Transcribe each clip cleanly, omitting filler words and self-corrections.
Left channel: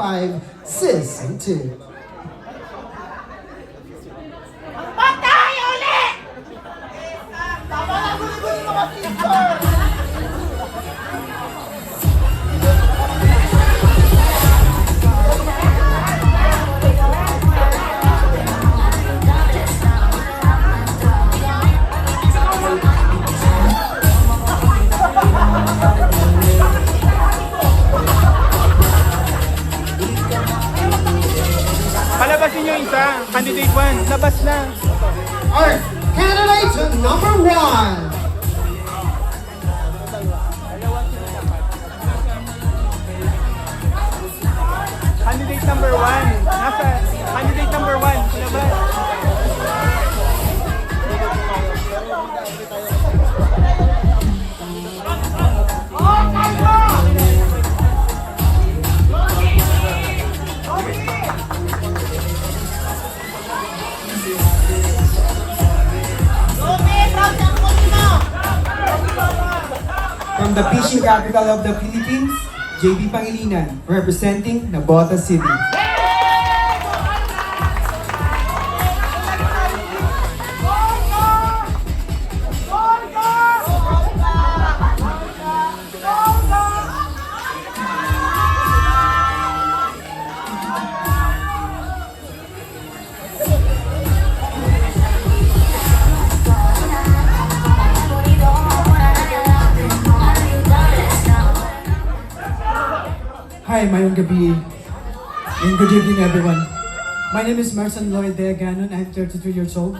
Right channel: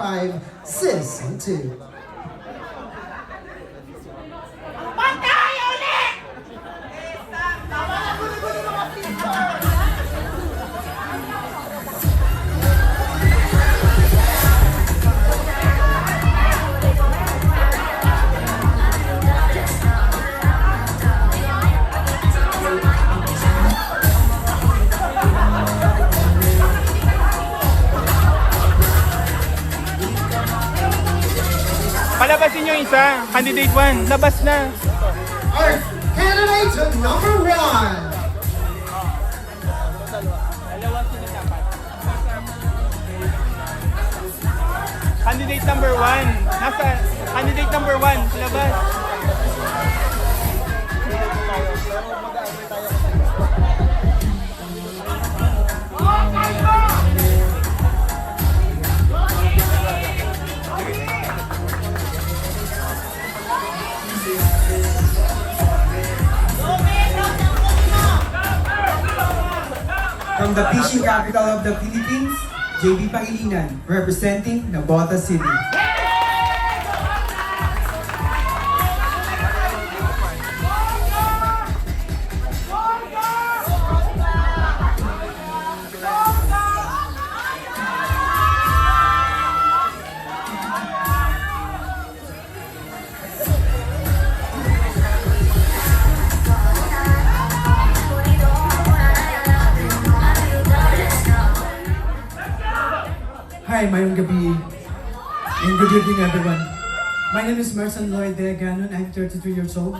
2025 Season 2. Palabasin nyo isa. Candidate 1. Labas na. Our candidate number 1. Candidate number 1. Nasa candidate number 1. Labas. From the fishing capital of the Philippines, JB Pangilinan, representing Navotas City. Hi, mayong gabi. And good evening, everyone. My name is Marson Lloyd De Ganon. I'm 33 years old.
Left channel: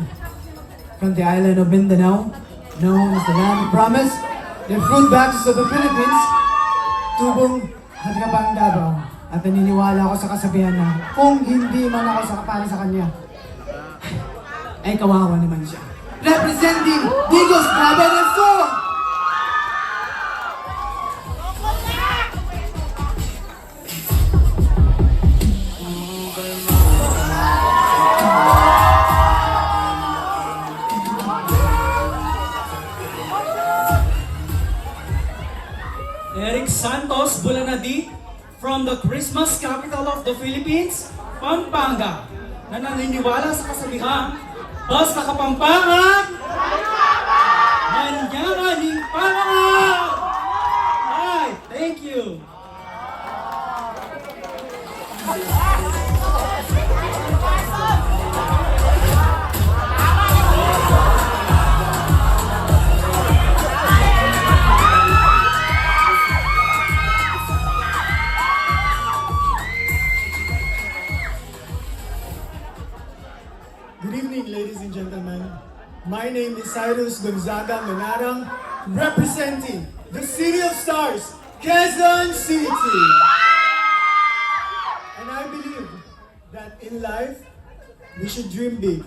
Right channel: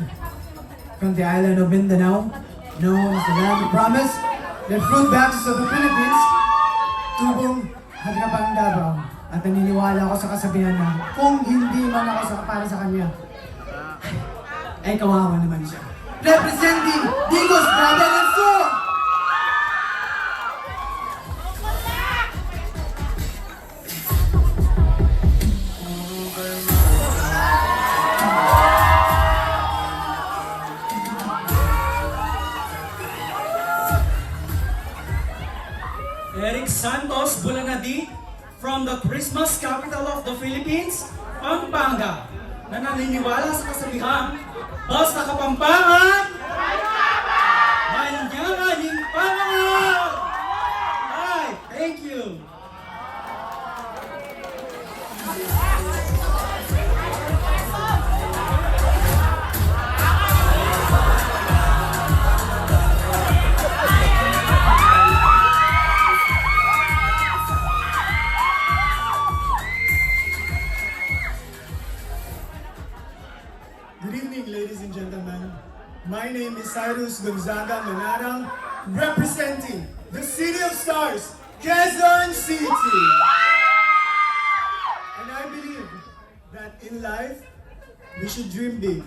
From the island of Mindanao, known as the land of promise, the fruit basket of the Philippines, tubong Hadrabang Davao. At naniniwala ako sa kasabihan na kung hindi man ako sakapala sa kanya, ay kawawa naman siya. Representing Digos Bravo del Sur! Eric Santos Bulanadi from the Christmas capital of the Philippines, Pampanga, na naniniwala sa kasabihan, basta Kapampangan, manyangan himpangan! Alright, thank you. Good evening, ladies and gentlemen. My name is Cyrus Gonzaga Manarang, representing the City of Stars, Quezon City. And I believe that in life, we should dream big,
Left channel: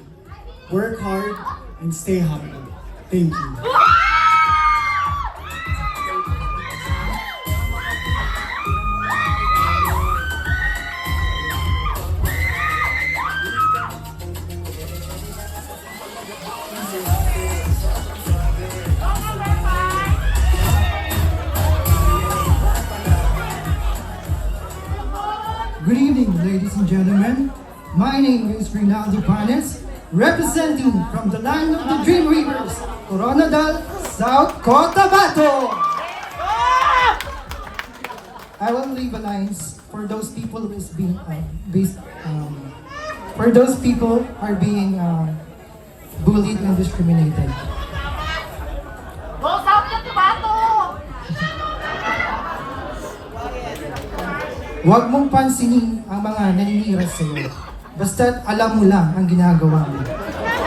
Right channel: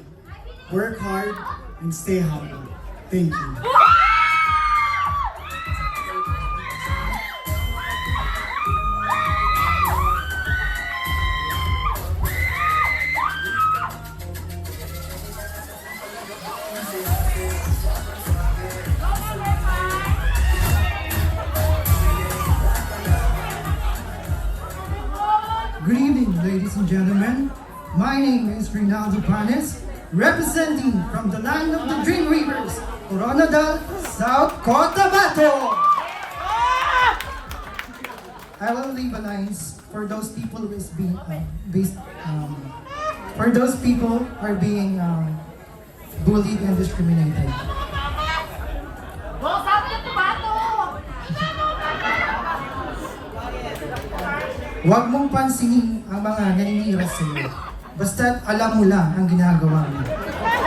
work hard, and stay humble. Thank you. Good evening, ladies and gentlemen. My name is Rinaldo Panes, representing from the land of the Dream Rivers, Coronadal, South Cotabato. I will leave a lines for those people who is being for those people who are being bullied and discriminated. Huwag mong pansinin ang mga naninira sa iyo. Basta't alam mo lang ang ginagawa mo.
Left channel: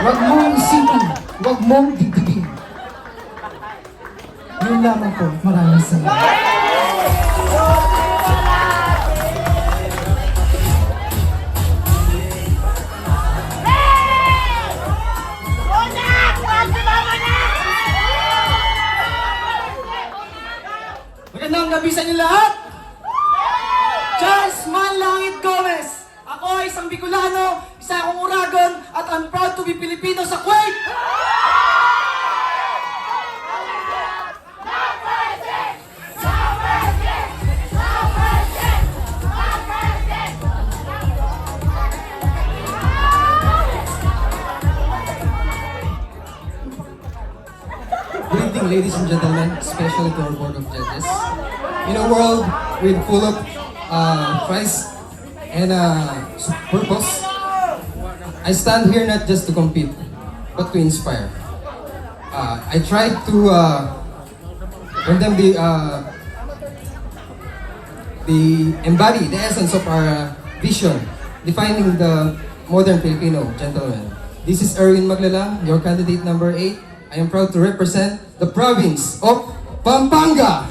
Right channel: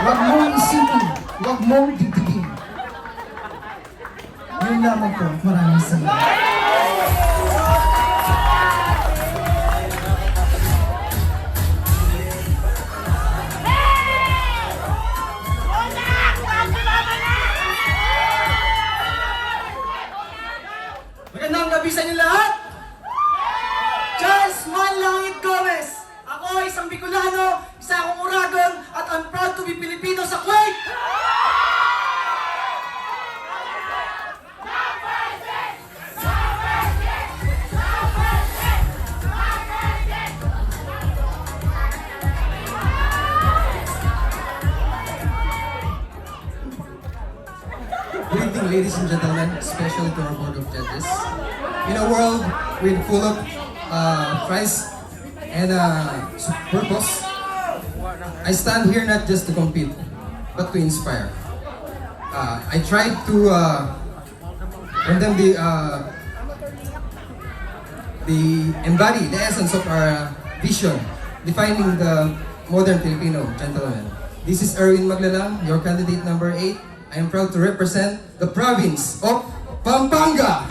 Huwag mong isipin, huwag mong dibdibin. Yun lamang po. Maraming salamat. Magandang gabi sa inyo lahat! Charles Manlangit Gomez! Ako ay isang Bicolano, isa akong Uragon, at I'm proud to be Filipino sa Kuwait! ladies and gentlemen, especially to our board of judges. In a world with full of Christ and purpose, I stand here not just to compete, but to inspire. I tried to condemn the embody the essence of our vision, defining the modern Filipino gentleman. This is Erwin Maglalang, your candidate number 8. I am proud to represent the province of Pampanga.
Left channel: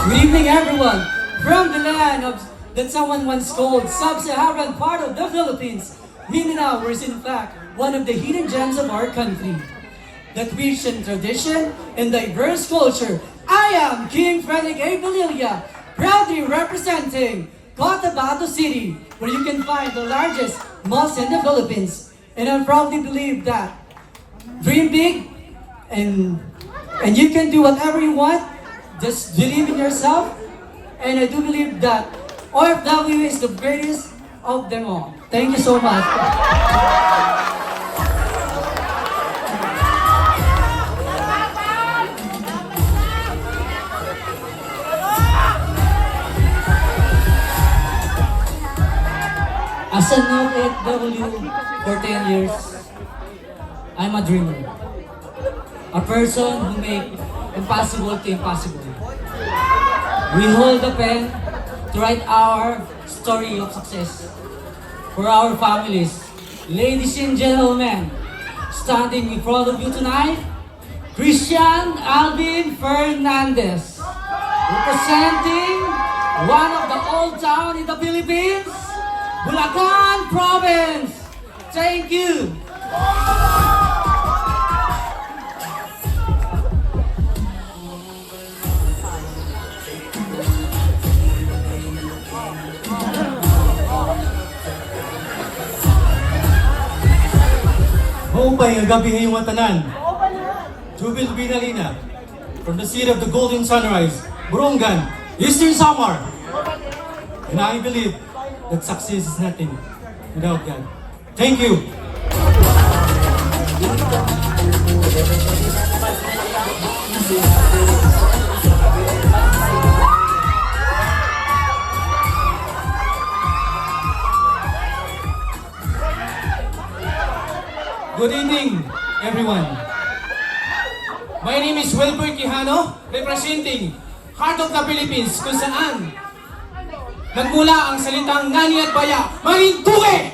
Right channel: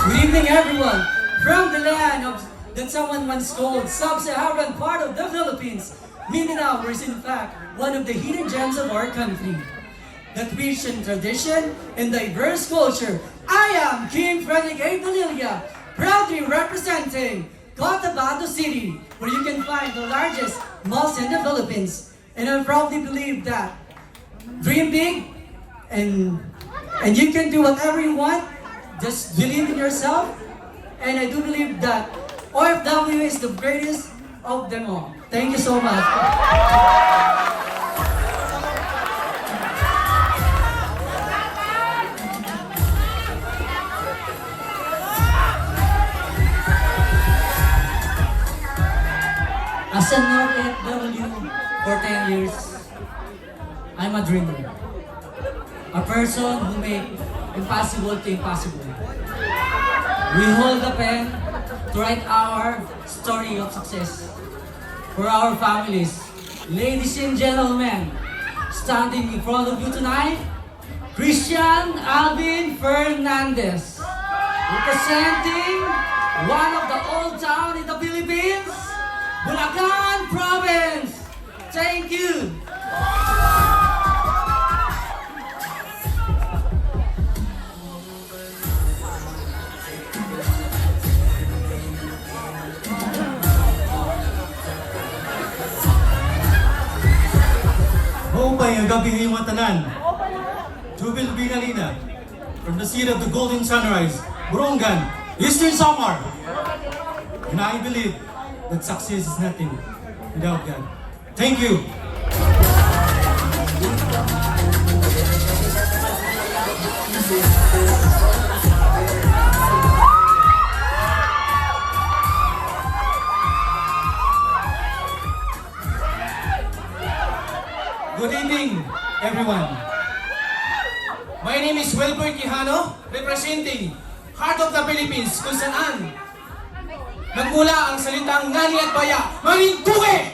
Good evening, everyone. From the land of that someone once called sub-Saharan part of the Philippines, Mindanao is in fact one of the hidden gems of our country. That rich in tradition and diverse culture, I am King Frederick A. Valilla, proudly representing Cotabato City, where you can find the largest mosque in the Philippines. And I proudly believe that dream big and you can do whatever you want. Just believe in yourself. And I do believe that OFW is the greatest of them all. Thank you so much. As an OFW for 10 years, I'm a dreamer. A person who makes impossible things possible. We hold the pen to write our story of success for our families. Ladies and gentlemen, standing in front of you tonight, Christian Alvin Fernandez, representing one of the old town in the Philippines, Bulacan Province. Thank you. Mumbai ang gabi ngayong matanan. Jubil Binalina, from the city of the golden sunrise, Burungan, Eastern Samar. And I believe that success is nothing without God. Thank you. Good evening, everyone. My name is Wilbert Quijano, representing Heart of the Philippines, kung saan nagmula ang salitang ngani at baya, Marinduque!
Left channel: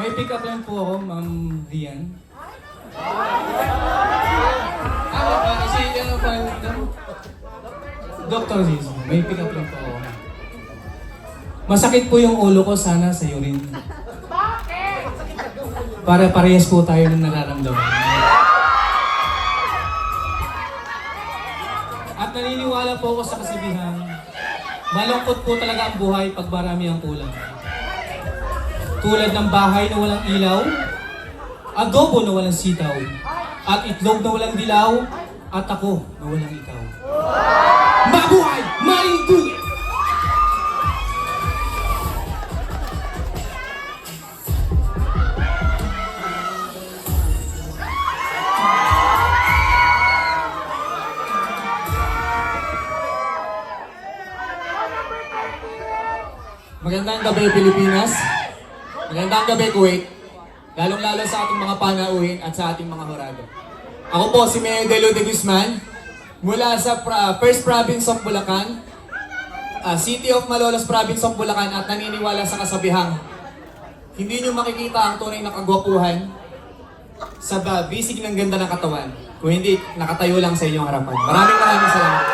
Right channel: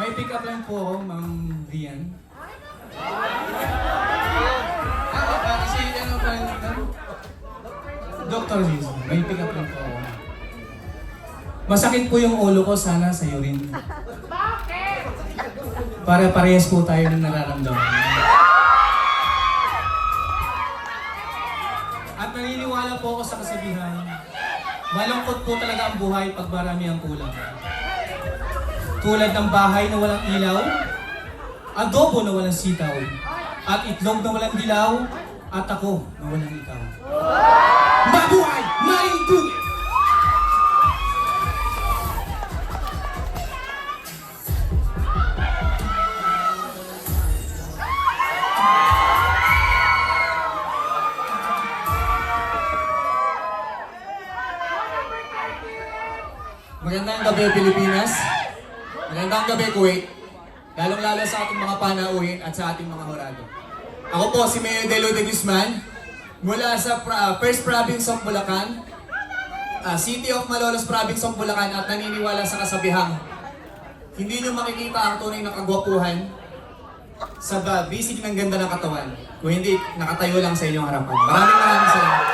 May pick up line po ako, Ma'am Rian. Dr. Ziz, may pick up line po ako. Masakit po yung ulo ko, sana sa'yo rin. Para parehas po tayo ng nararamdaman. At naniniwala po ako sa kasabihan, malungkot po talaga ang buhay pag marami ang kulang. Tulad ng bahay na walang ilaw, adobo na walang sitaw, at itlog na walang dilaw, at ako na walang ikaw. Mabuhay! Marinduque! Magandang gabi Pilipinas, magandang gabi Kuwait, lalong-lalo sa ating mga panauhin at sa ating mga hurago. Ako po si Mayor Delo de Guzman, mula sa First Province of Bulacan, City of Malolos Province of Bulacan, at naniniwala sa kasabihang hindi nyo makikita ang tunay na kagwapuhan sa bisig ng ganda ng katawan, kung hindi nakatayo lang sa inyong harapan. Maraming salamat.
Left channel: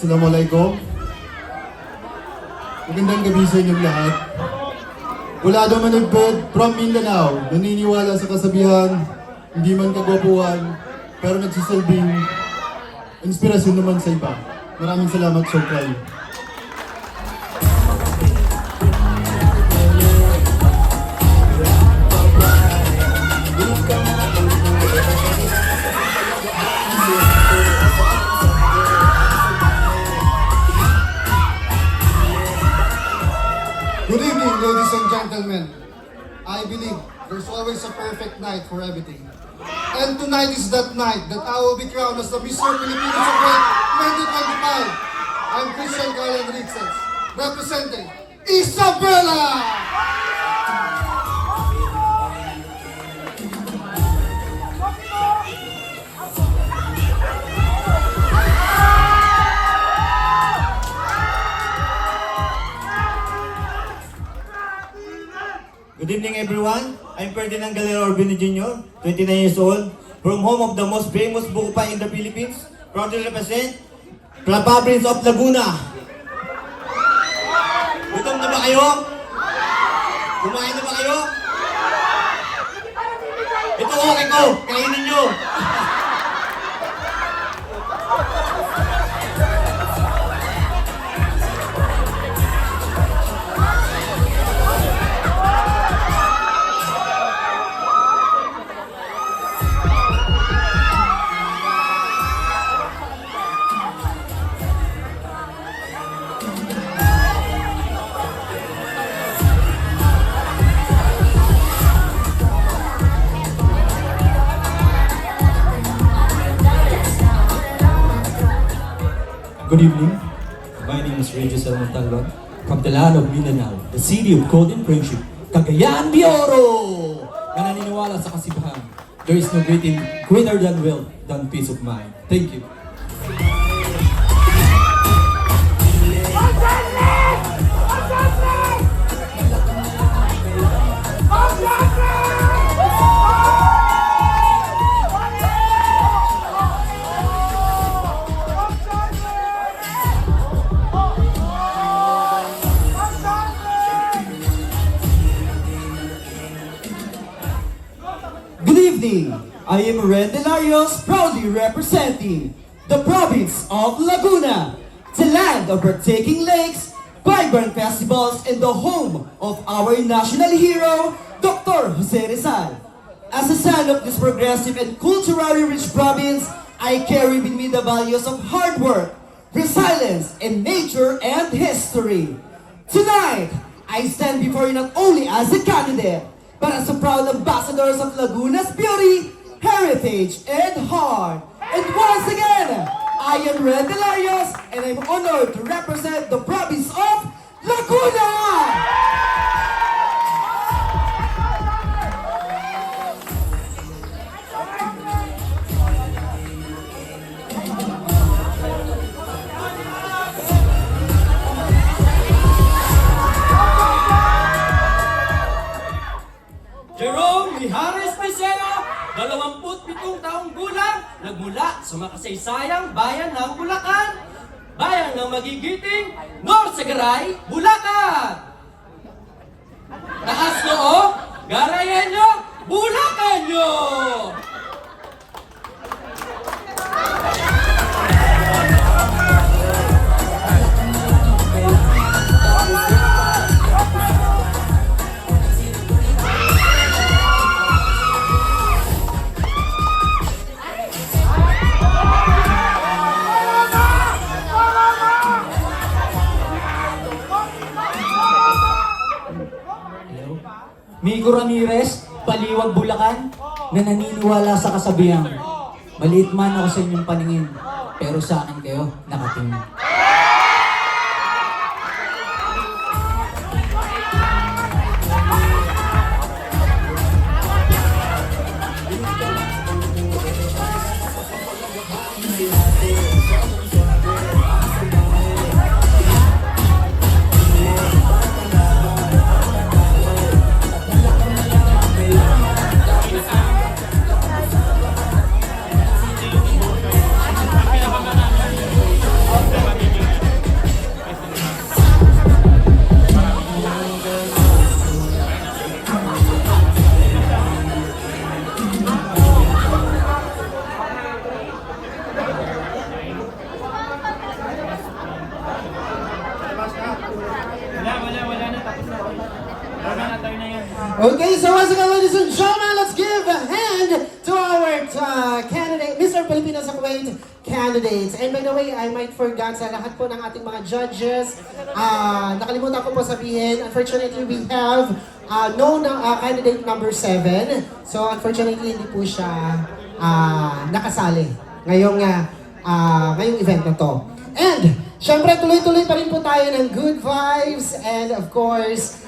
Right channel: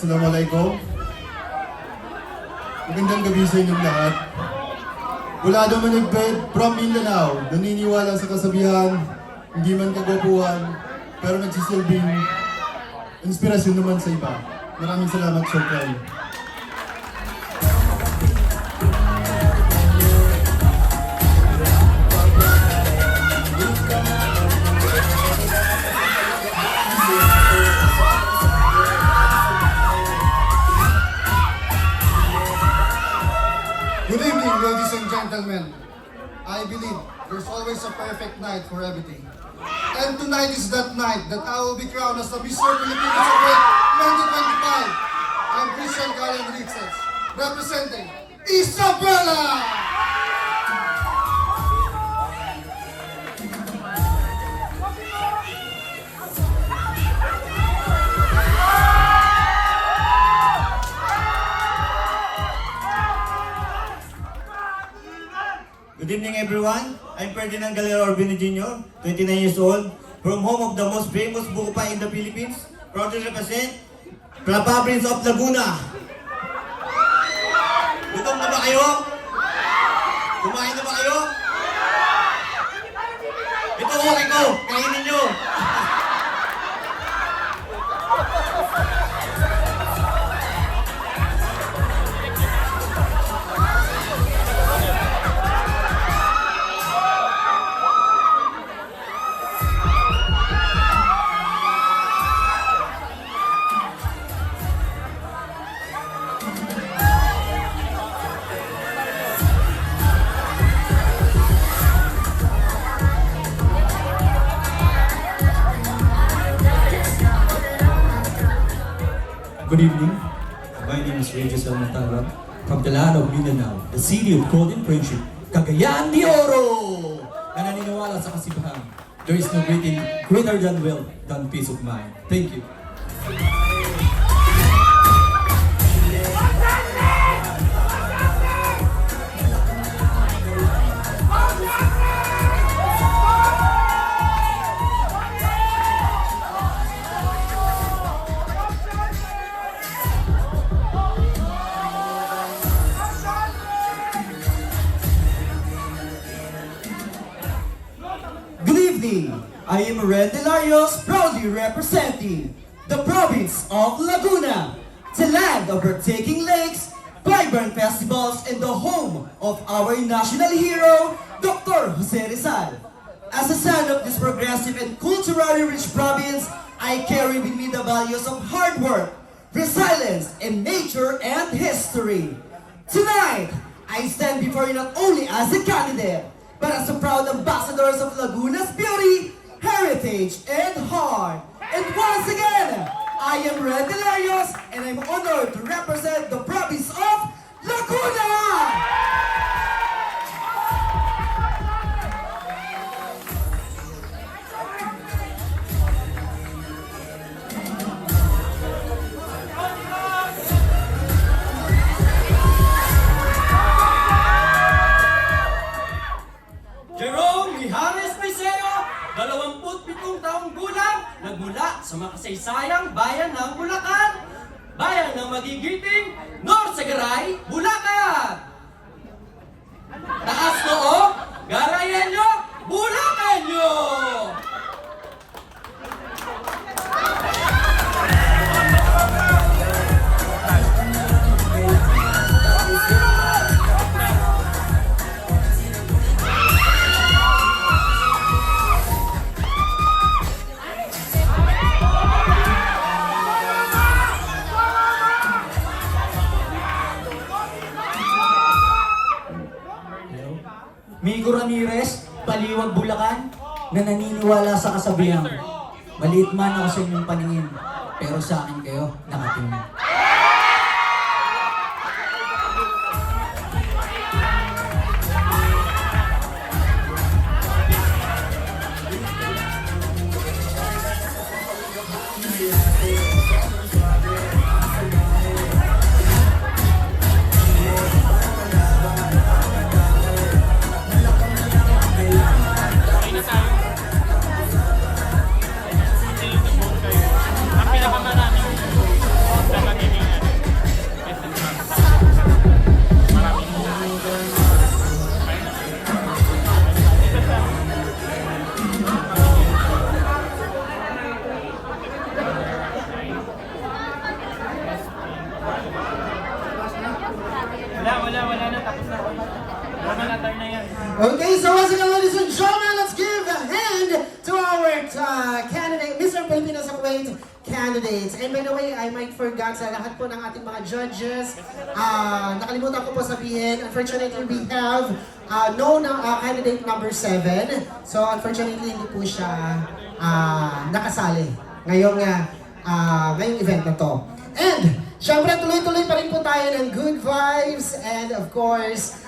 Assalamualaikum. Magandang gabi sa inyong lahat. Mula daw Managbed from Mindanao, naniniwala sa kasabihan, hindi man kagwapuhan, pero nagsisilbing inspirasyon naman sa iba. Maraming salamat, Sir Clyde. Good evening, ladies and gentlemen. I believe there's always a perfect night for everything. And tonight is that night that I will be crowned as the Mr. Philippines of Great 2025. I'm Christian Carl Enriquez, representing Isabela! Good evening, everyone. I'm Ferdinand Galera Urbino Jr., 29 years old, from home of the most famous buko pie in the Philippines, proudly represent the province of Laguna. Gutom na ba kayo? Kumain na ba kayo? Ito okay ko, kainin nyo. Good evening. My name is Regis Almontalban from the land of Mindanao, the city of golden friendship, Cagayan de Oro! Na naniniwala sa kasibahan. There is no greater than wealth than peace of mind. Thank you. Good evening. I am Red Delarios, proudly representing the province of Laguna, the land of breathtaking lakes, vibrant festivals, and the home of our national hero, Dr. Jose Rizal. As a son of this progressive and culturally rich province, I carry with me the values of hard work, resilience, and nature and history. Tonight, I stand before you not only as a candidate, but as a proud ambassadors of Laguna's beauty, heritage, and heart. And once again, I am Red Delarios, and I'm honored to represent the province of Laguna! Jerome Mijares Pesero, 27 taong gulang, nagmula sa makasaysayang bayan ng Bulacan, bayan ng magigiting Norsagaray, Bulacan. Taas noo, Garayenyo, Bulacanyo! Migo Ramirez, Baliwag, Bulacan, na naniniwala sa kasabihang, maliit man ako sa inyong paningin, pero sa akin kayo nakatingin. Okay, so once again, ladies and gentlemen, let's give a hand to our candidate, Mr. Filipino sa Kuwait candidates. And by the way, I might forgot sa lahat po ng ating mga judges. Nakalimutan ko po sabihin, unfortunately, we have candidate number 7. So unfortunately, hindi po siya nakasali ngayong event na to. And syempre, tuloy-tuloy pa rin po tayo ng good vibes and of course,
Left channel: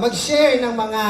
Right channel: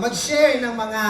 mag-share ng mga